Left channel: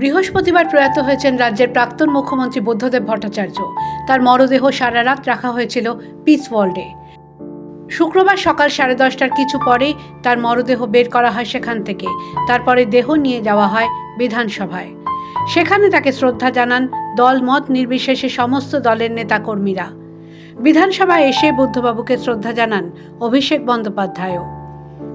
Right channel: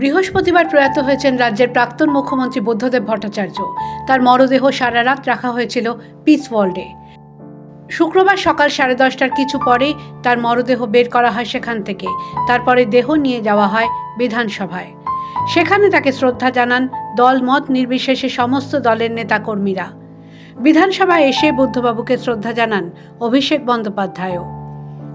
বৃহস্পতিবার প্রয়াত হয়েছেন রাজ্যের প্রাক্তন মুখ্যমন্ত্রী বুদ্ধদেব ভট্টাচার্য। তার মরদেহ সারা রাত রাখা হয়েছিল পিস ওয়ার্ল্ডে শুক্রবার সকাল সাড়ে দশটার কিছু পরেই তার মরদেহ বের করা হয় সেখান থেকে। তারপরে দেহ নিয়ে যাওয়া হয় বিধানসভায়। সেখানে তাকে শ্রদ্ধা জানান দল মত নির্বিশেষে সমস্ত দলের নেতাকর্মীরা। বিধানসভায় এসে বুদ্ধবাবুকে শ্রদ্ধা জানান অভিষেক বন্দ্যোপাধ্যায়ও।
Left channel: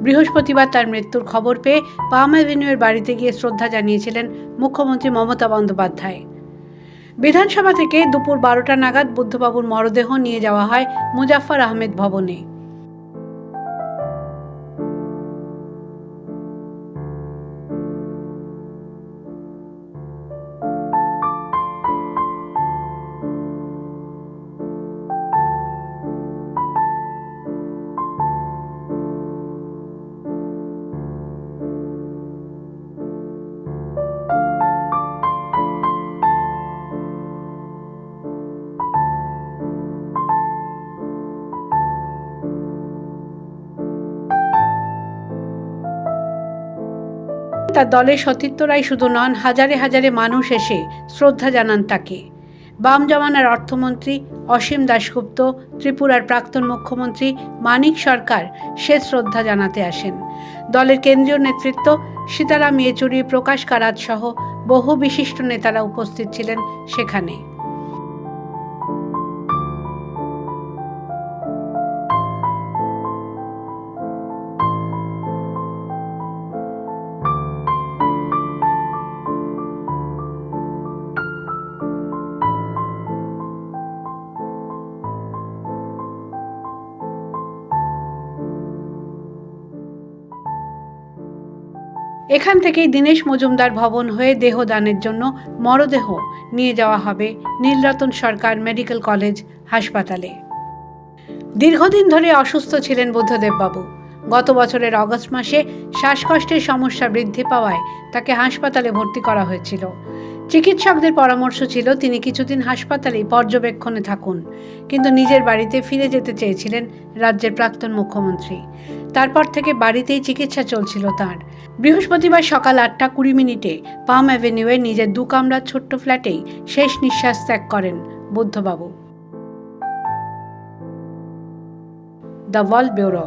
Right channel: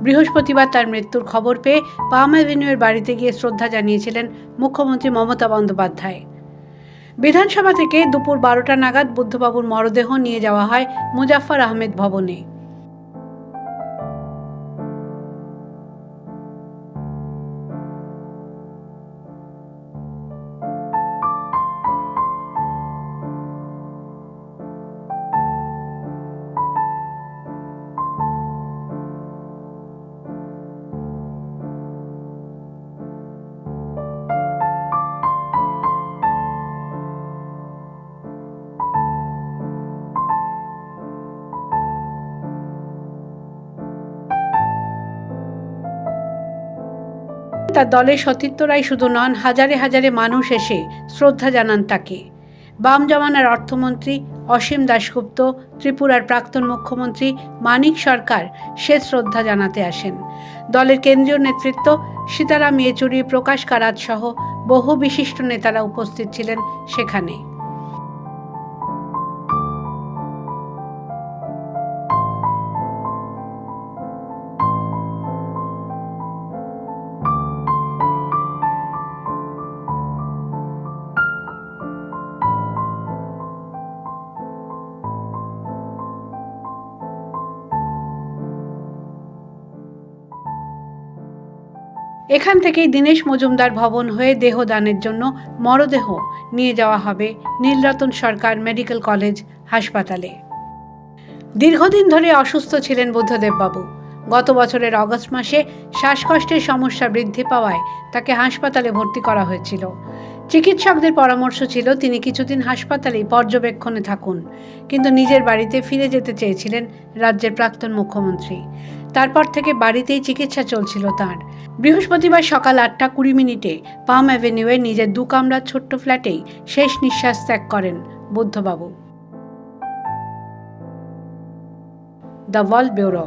বৃহস্পতিবার তার মৃত্যুর খবর পেয়ে পাম অ্যাভিনিউয়ের বাড়িতে গিয়ে শ্রদ্ধা জানিয়েছিলেন মুখ্যমন্ত্রী মমতা বন্দ্যোপাধ্যায়। বিধানসভা থেকে দুপুর বারোটা নাগাদ বুদ্ধবাবুর মরদেহ নিয়ে যাওয়া হয় মুজাফফর আহমেদ ভবনে। তার দলের সতীর্থরাই শুধু নন, হাজারে হাজারে মানুষ এসে শ্রদ্ধা জানান তাকে। বাম জমানার অর্থমন্ত্রী অসীম দাশগুপ্ত, ত্রিপুরার প্রাক্তন মুখ্যমন্ত্রী মানিক সরকার সে শ্রদ্ধা জানাতে আসেন। দলের কেন্দ্রীয় নেতৃত্ব সীতারাম ইয়েচুরি, প্রকাশ কারাত সহ বহু বিশিষ্ট নেতারা উপস্থিত ছিলেন সেখানে। এখান থেকেই দীনেশ মজুমদার ভবন হয়ে দেহদানের জন্য মরদেহ নিয়ে যাওয়া হবে নীলরতন সরকার মেডিকেল কলেজ হাসপাতালে। দীর্ঘদিন ধরে অসুস্থ ছিলেন বুদ্ধদেববাবু। গত বছরের অগস্ট মাসে শ্বাসকষ্টের সমস্যা বৃদ্ধি পাওয়ায় তাকে হাসপাতালে ভর্তি করা হয়েছিল। চিকিৎসকদের পরামর্শ ছিল তিনি কিছুদিন হাসপাতালেই পর্যবেক্ষণে থাকুন, কিন্তু নিজের বাড়িতে ফিরে যেতে চেয়েছিলেন রাজ্যের প্রাক্তন মুখ্যমন্ত্রী। তারপর থেকে বাড়িতেই চিকিৎসা চলছিল তার। বৃহস্পতিবার সকাল আটটা কুড়ি মিনিটে পাম অ্যাভিনিউয়ে নিজের দু কামরার ছোট্ট ফ্ল্যাটেই শেষ নিঃশ্বাস ত্যাগ করেন বুদ্ধবাবু। দ্য ওয়ার্ল্ড ব্যুরো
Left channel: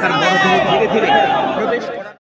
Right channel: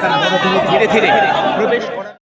তার মরদেহ ধীরে ধীরে প্রবেশ করা